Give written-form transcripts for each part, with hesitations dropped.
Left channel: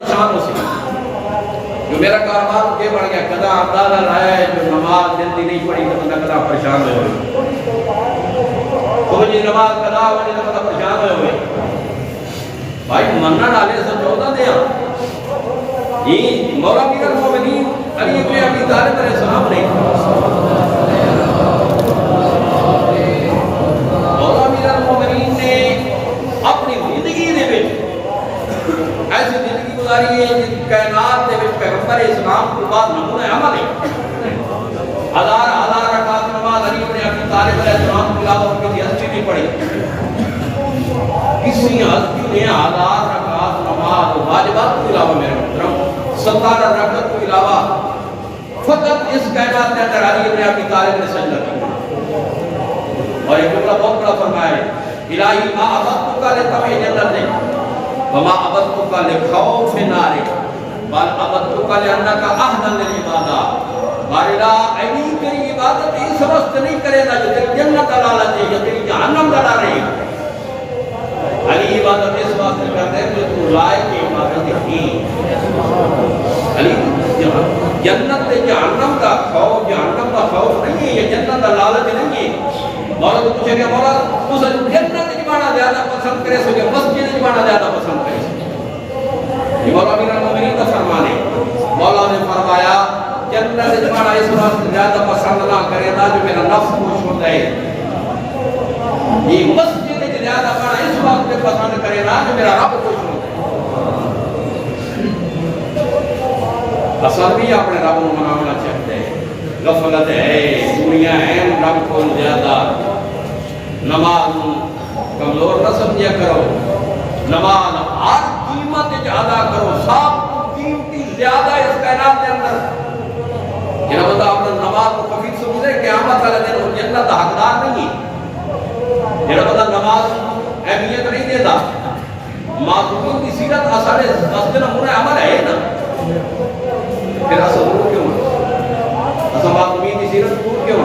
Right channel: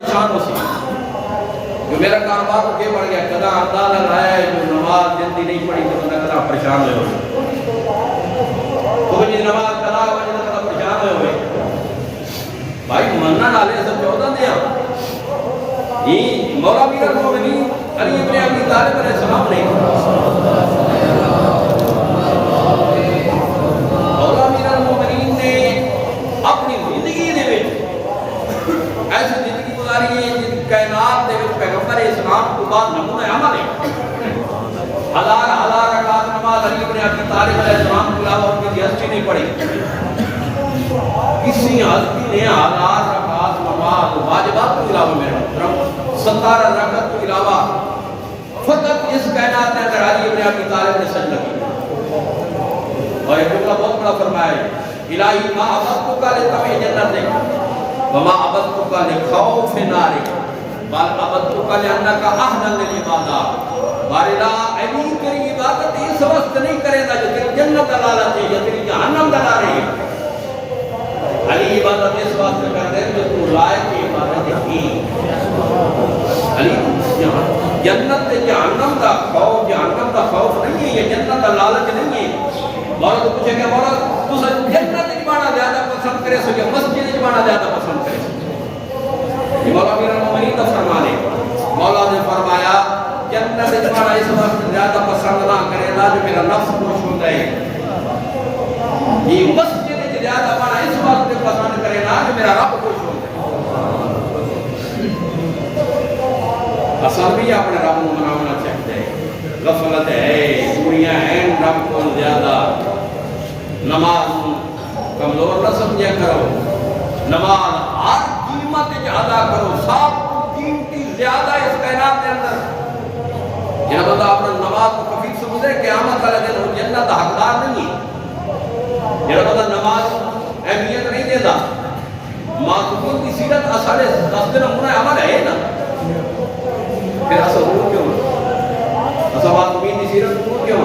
شان ہو سی جو میرا کاروبار کے بڑھ گیا کدا اندازہ لایا ہے جو نماز دن دی نہیں پڑھی تو بندہ کدا پریشان ہوئے وہ جی نماز کدا وجہ کدا پریشان ہوئے بھائی مننا ڈالے سب 14 دیا یہ مولا امیر المومنین علی ابن ابی طالب علیہ السلام نے مولا امیر المومنین نے اپنی زندگی دے وچ ایسی زندگی گزاری ہے جس کائنات دے وچ پیغمبر اسلام کو بعد نمونہ عمل ہے ہزار رکعت نماز علی ابن ابی طالب علیہ السلام کے علاوہ اور کسی ہستی نہیں پڑھی کسی ہستی نے ہزار رکعت نماز واجبات کے علاوہ میرے محترم 17 رکعت کے علاوہ فقط اس کائنات کے اندر علی ابن ابی طالب نے سجدہ کیا اور ایک جملہ بہت بڑا فرمایا ہے الہی ما عبدتک لطمع جنتک وما عبدتک لخوف نارک بل عبدتک لانک اہل للعبادہ بارلا علی تیری عبادت اس وقت نہیں کرے گا جو تیری جنت دلالت ہے یا تیری جہنم دلالت ہے علی عبادت اس وقت کرتے ہیں جو تو لائق عبادت ہے علی جنت جہنم کا خوف نہیں ہے یہ جنت کا لالچ نہیں ہے مولا تو پوچھے کہ مولا تو جنت جمانا زیادہ پسند کرے سو یا مسجد جمانا زیادہ پسند کرے سو یہ مولا امیر المومنین کا فرمانے مولا نے فرمایا جنت جمانا اس وقت زیادہ پسند نہ کرے گا جو میرا نفس خوش ہوتا ہے یہ مسجد زیادہ بڑا اس وقت پسند کرے گا جو میرا رب خوش ہوتا ہے اصل بھی اپنے رب کو منانا چاہتے ہیں غفلت ہے دنیا ہے رب کو زیادہ نماز کمزور نہ سمجھا کرو نماز ہر قیمت ادا کرو سب قیمتی زیادہ اس کائنات کے اندر یہ بندہ اپنا نماز کو کفیل سمجھے قیامت والے دن وہ جنت کا حقدار نہیں ہے یہ بندہ نماز اہمیت نہیں دیتا معصومین کی سیرت اصل دس نمونہ عمل ہے نا پھر اصل دور کیوں اصل معصومین کی سیرت دور کیوں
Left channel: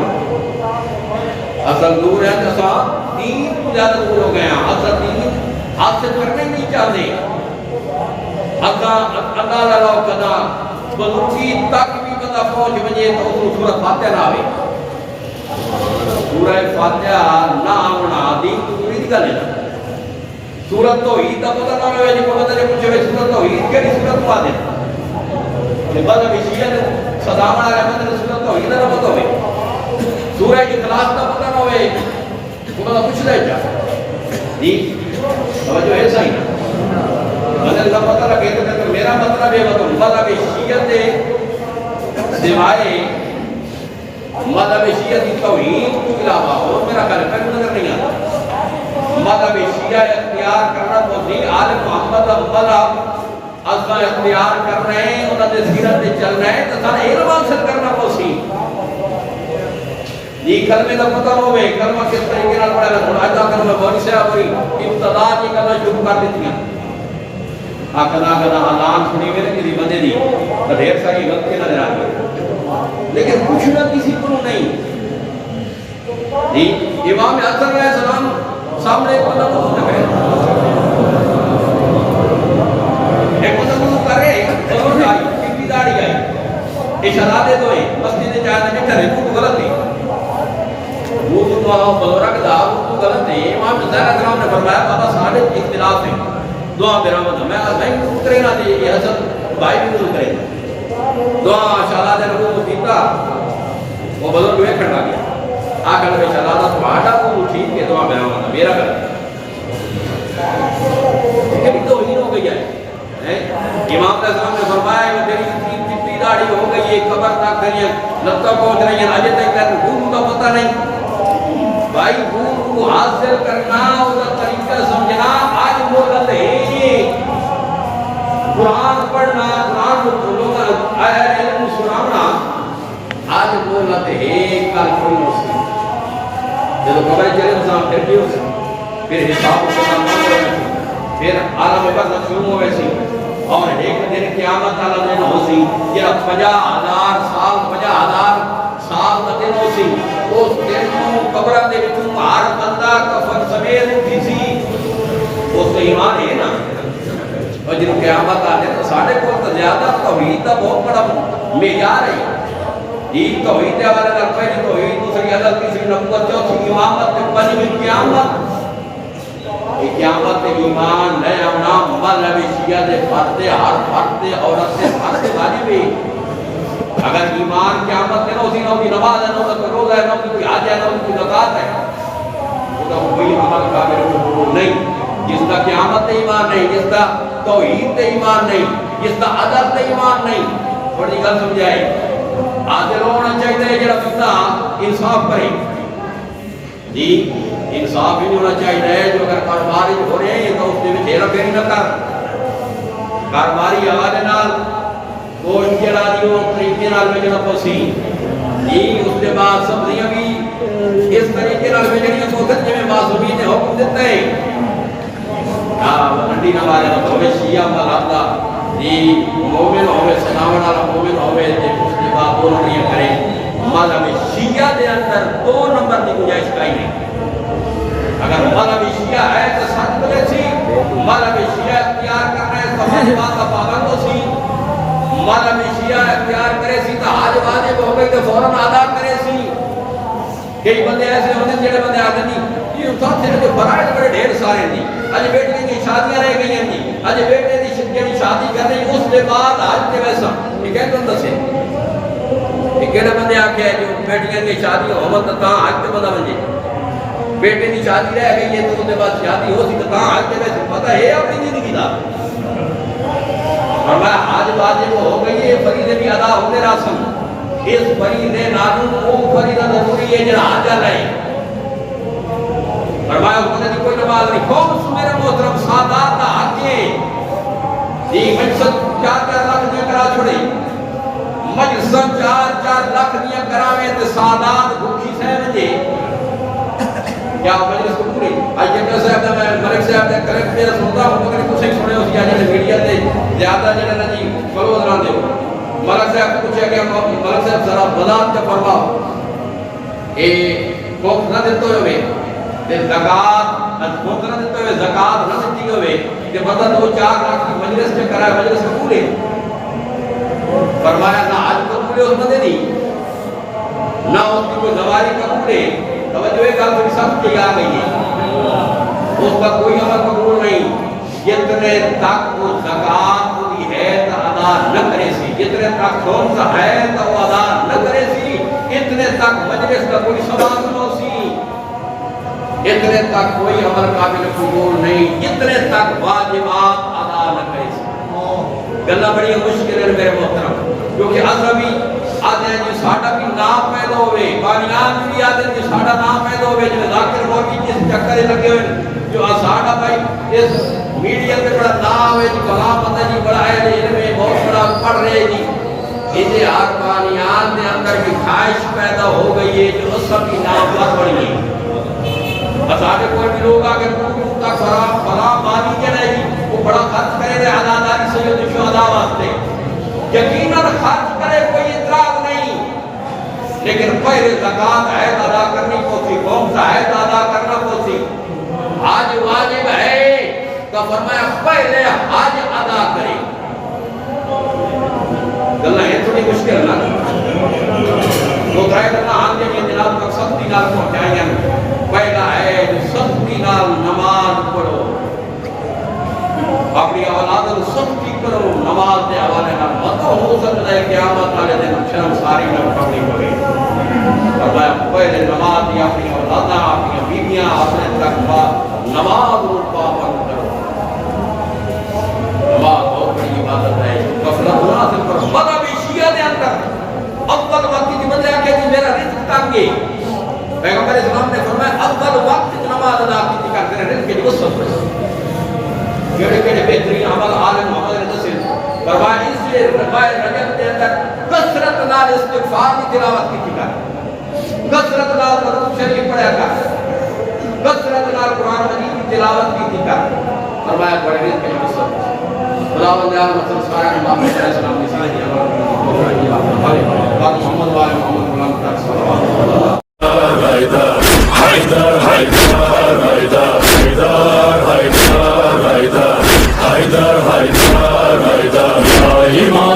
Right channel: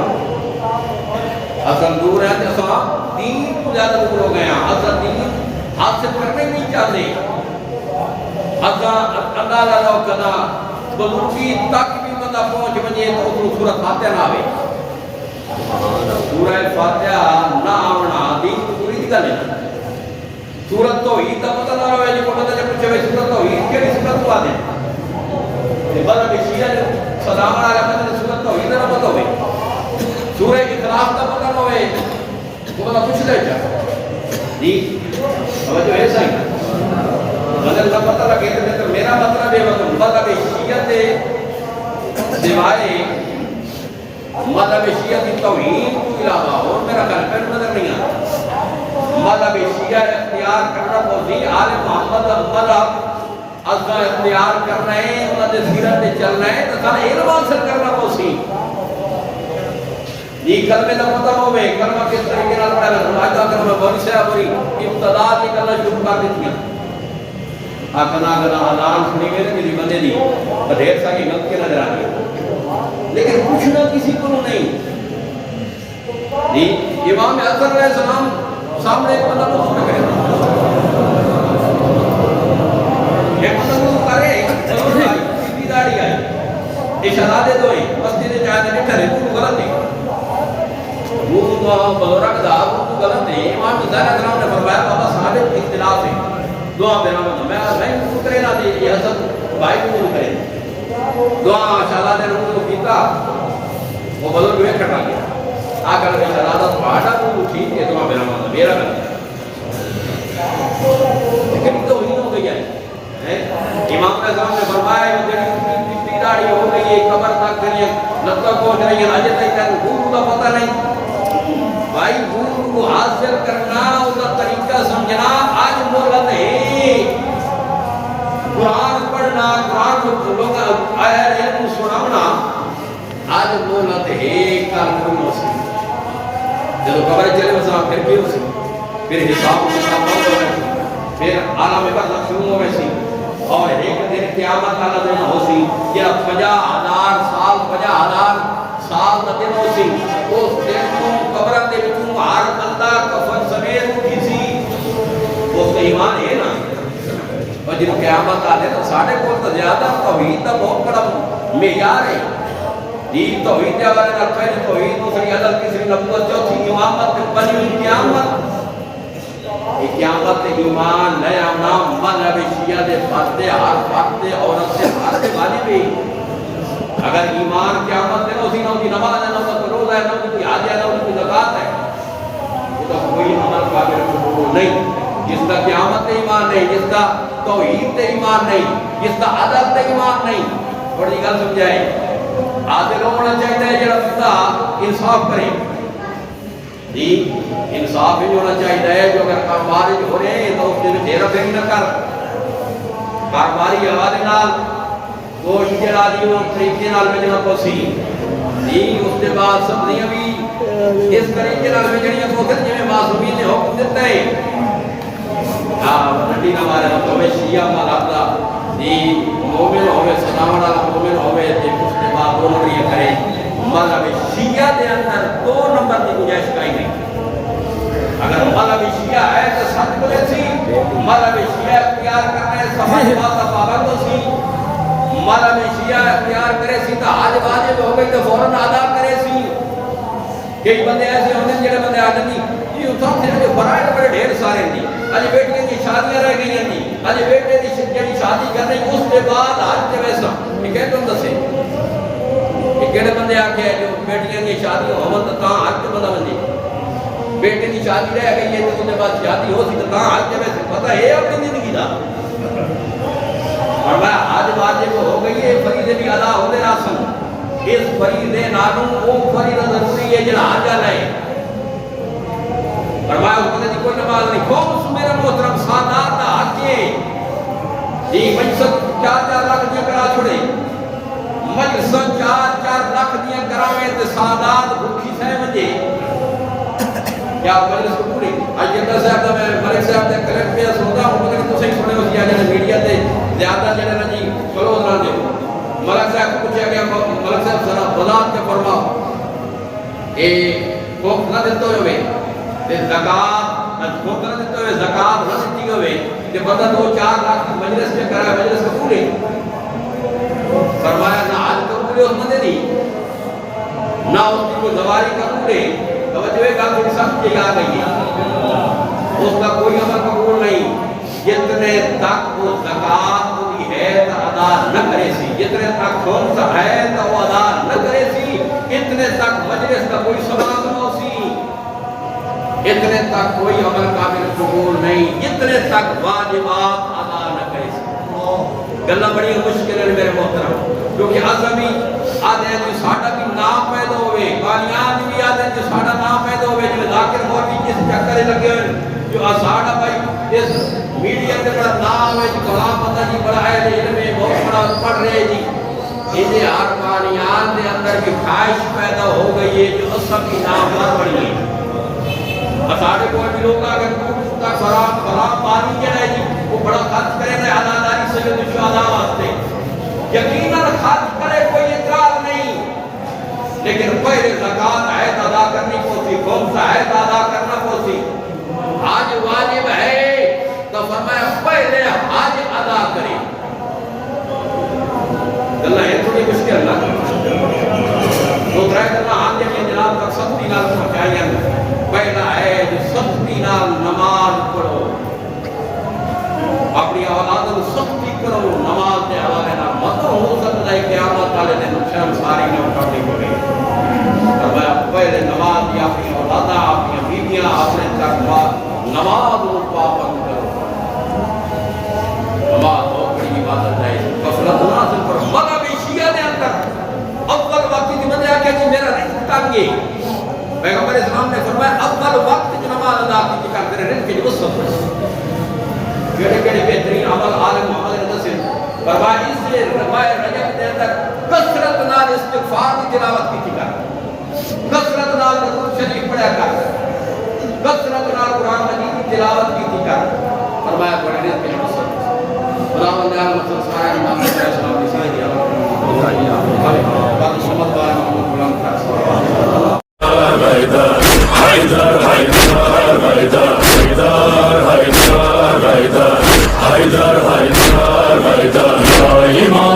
اصل دور ہے کہ اصل دین کو زیادہ دور ہو گیا اصل دین حاصل کرنے نہیں چاہتے اصل اندازہ لو کدا بزرگی تک بھی بندہ پہنچ بجے تو اترو سورت فاتحہ نہ آوے سورہ فاتحہ نہ آونا دین کو دوری دی گل ہے سورت تو ہی تا پتہ نہ ہوئے جی کو پتہ جب پوچھے سورت تو ہی کیڑی سورت کو آدے تے بلا شیعہ نے صدامن والے بندے سورت تو ہی نہ پتہ ہوئے سورہ اخلاص کا پتہ نہ ہوئے کو بلا پوچھ دے جا جی توجہ ہے صحیح نا بدل کا پتہ لگے تو میرا مطلب ہے وہ مطلب شیعہ دے سوائے مذہب شیعہ کی توہین کو علاوہ اور میرا خیال پہلو نظر نہیں آتا مذہب شیعہ اختیار کرنا بہتی آل محمد مذہب اصلا اختیار کر رہے ہیں انہوں نے سیرت سے چل رہے ہیں تو سارا علم حاصل کرنا بہتی یہ کلمے کا پتہ ہوئے کلمہ کس طریقے نال پڑھا ہے آجا کلمہ بہت سے آبری ابتدا کی کرنا شروع کر دیتی ہیں کنا اعلان سنی میرے کسی بندے دی تو ڈھیر ساری غلطی نظر آ گئی لیکن پوچھنا کسی کو نہیں جی امام حسن علیہ السلام سامنے ایک بندہ وضو نہ کرے ایک بندہ وضو کرے چلوٹ آئی چٹی داڑھی آئی اشارات دو ہیں مسجد چاہتے بیٹھا رہے وہ غلط ہے وہ تو بزرگ دا وہ تو غلط ہے امام حسین علیہ السلام نے فرمایا بابا سارے اختلاف ہے دعا میرا مطلب میں کہا نہیں وضو کرے نہ دے یہ حسن بھائی وضو کرے دعا شالات رکھو کیتا وہ بزرگ ہوئے کھڑا گیا آگر میں شالات پہاڑا کو ٹھیک ہے دعا میرا مطلب میرا کر لیکن تو ہی ہو گیا ہے امام علیہ السلام نے فرمایا وہ جڑی چٹی داڑھی ہو گئی ہے قبر تک گئی ہے جب تک پہنچ رہی ہے اجے تک حور کا پتہ نہیں بھائی حور کو حاصل کرنا اس کا طریقہ سمجھنا آج مہلت ہے قرآن پڑھنا قرآن کو بولو گا آیا علم سنانا آج مہلت ہے کل کوئی نہ سی جب قبر چلے مسلم پھر بھی ہو سکتا پھر حساب پھر عالم پر نقشوم ہوئے سی اور ایک دن قیامت اللہ دن ہو سی یا 50,000 سال 50,000 سال دا دن ہو سی اس دن قبرہ دے بچوں ہر بندہ کفن سمیت اٹھی سی اس کا ایمان ہے نا اور جن قیامت آنے تو ساڑھے کو تو زیادہ توحید کا بہت بڑا معیار ہے جی توحید کے حوالے نال پہلی توحید دوسری عدل تیسری نبوت چوتھی امامت پنجویں قیامت یہ قیامت ایمان لے آنا مذہب شیعہ دے فرد ہر فرد عورت دے فرد واجب ہے اگر ایمان قیامت میں نہ ہوتی نماز ہے نہ کوئی روزہ ہے نہ کوئی حج ہے نہ کوئی زکات ہے وہ کوئی عمل قابل قبول نہیں جس کا قیامت ایمان نہیں جس کا توحید ایمان نہیں جس کا عدل ایمان نہیں تھوڑی گل سمجھائے عادل ہونا چاہیے جڑا بندہ انصاف کرے جی انصاف ہی ہونا چاہیے جو اگر کاروبار ہو رہے ہیں تو اس کے وچ ہیرا پھیری نہ کر کاروباری حوالے نال گوشت جڑا دیو طریقے نال ویچنا پوسی جی اس کے بعد سبزیاں بھی اس طریقے نال ویچنیاں پوسن جویں معصومی نے حکم دیتا ہے نڈی نہ مارے تو ہوے شیعہ مذہب دا جی مومن ہوے سلام والا مومن ہوے تے اس کے بعد دو نمبریاں کرے مذہب شیعہ دے اندر دو نمبر کی گنجائش کہیں نہیں اگر مذہب شیعہ ہے تو سچ بولے سی مذہب شیعہ اختیار کرنے سماج بات کا پابند سی مذہب شیعہ اختیار کرے سی تو حج واجب ہو گئی تو فوراً ادا کرے سی کئی بندے ایسے ہوتے ہیں جڑے بندے آتے نہیں یہ ساتھ جو فرائض بڑے ڈھیر سارے ہیں اج بیٹیاں کی شادیاں رہ گئی ہیں اج بیٹے دی جڑی شادی کر رہی اس کے بعد حج تے ویسا یہ کہ تم دسے یہ کہڑے بندے آکھے جو بیٹیاں کی شادی ہومن تے تاں حج تے بندہ ونجے بیٹے دی شادی رہ گئی ہے تو اس کے بعد شادی ہو سی تے تاں حج تے ویسے پتہ ہے اپنی زندگی دا فرمایا حج واجب ہو گئی ہے فریضے بھی ادا ہو گئے راسن اس فریضے نالوں وہ فریضہ ضروری ہے جڑا حج والا ہے فرمایا اس بندے دی کوئی نماز نہیں قوم میرے محترم سادات حج جی مجلس 4 لاکھ دیا کرا چھوڑے مجلس 4 لاکھ دیا کراویں تے سادات بھوکھی سہ ونجے کیا مجلس کو پوری اج جنرل صاحب دا میں ملک صاحب دے کلپ پہ سندا ہوں مگر تو صحیح سنے ہو سی اج میڈیا تے زیادہ جڑے نا جی کلوز نہ دیو ملک صاحب کو پوچھا گیا ملک صاحب ذرا وضاحت کے فرماؤ اے خوف نہ دیتے ہوئے تے زکات خوف نہ دیتے ہوئے زکات نہ دیتی ہوئے کہ بندہ 2-4 لاکھ کی مجلس میں کرا ہے مجلس قبول ہے فرمایا نہ حج قبول ہے اس بندے دی نہ اس کی کوئی زواری قبول ہے توجہ ہے گل تھوڑی سخت کی آ گئی ہے اس کا کوئی عمل قبول نہیں جتنے تک وہ زکات دی ہے تو ادا نہ کرے سی جتنے تک خمس ہے تو وہ ادا نہ کرے سی اتنے تک مجلس کا کوئی ثواب نہ ہو سی اتنے تک کوئی عمل قابل قبول نہیں جتنے تک واجبات ادا نہ کرے سی گلہ بڑی مشکل ہے میرے محترم کیونکہ عصبی آدھے ہیں جو ساڑھا بھی نام پیدا ہوئے بانیان بھی آدھے ہیں جو ساڑھا نام پیدا ہوئے جو ذاکر مورکی جس چکرے لگے ہوئے جو ساڑھا بھائی اس میڈیا سے بڑا نام ہے جو کلام بندہ جی بڑا ہے علم ہے بہت بڑا پڑھ رہے جی انہیں آر بانیان دے اندر کی خواہش پیدا ہو گئی ہے جو عصبی نام پر بڑی ہے ساڑھے کوئی بھی لوگ آگے تک فرام بانی کے لئے جی وہ بڑا خرچ کرے دے عداداری سید شہداء واسطے یقیناً خرچ کرے کوئی اعتراض نہیں لیکن پہلے زکات عید ادا کرنی پوسی خمس عید ادا کرنا پوسی حج واجب ہے تو فرمایا پہلے حج ادا کرے گلہ یہ تھوڑی مشکل نہ تو درائے کرنا آن جائیں جناب تک سختی نال پہنچائیں پہلا ہے جو سختی نال نماز پڑھو اپنی اولاد کو سختی کرو نماز دے حوالے نال مت ہو سکتا ہے قیامت والے دن شرم ساری نہ اٹھانی پڑے فرمایا پہلے نماز دی اپنی اولاداں اپنی بیویاں اپنے تک نماز کو پابند کرو نماز بہت بڑی عبادت ہے غفلت نہ حاصل کرو مذہب شیعہ دے اندر اول وقت کی بندے آ کے جی میرا رزق تنگ ہے پیغمبر اسلام نے فرمایا اول وقت نماز ادا کی کرتے رہے رزق کی وسعت کیڑے کیڑے بہترین عمل آل محمد رضا سے فرمایا اس لیے رجب کے اندر کثرت نال استغفار کی تلاوت کی کر کثرت نال درود شریف پڑھا کر کثرت نال قرآن مجید کی تلاوت کی کر فرمایا بڑے رزق کی وسعت خداوند عالم مثلا سارا محمد علیہ السلام کی ساری عمل باقی محمد والے محمد غلام کا صلوات حیدر حیدر حیدر حیدر حیدر حیدر حیدر حیدر کلمہ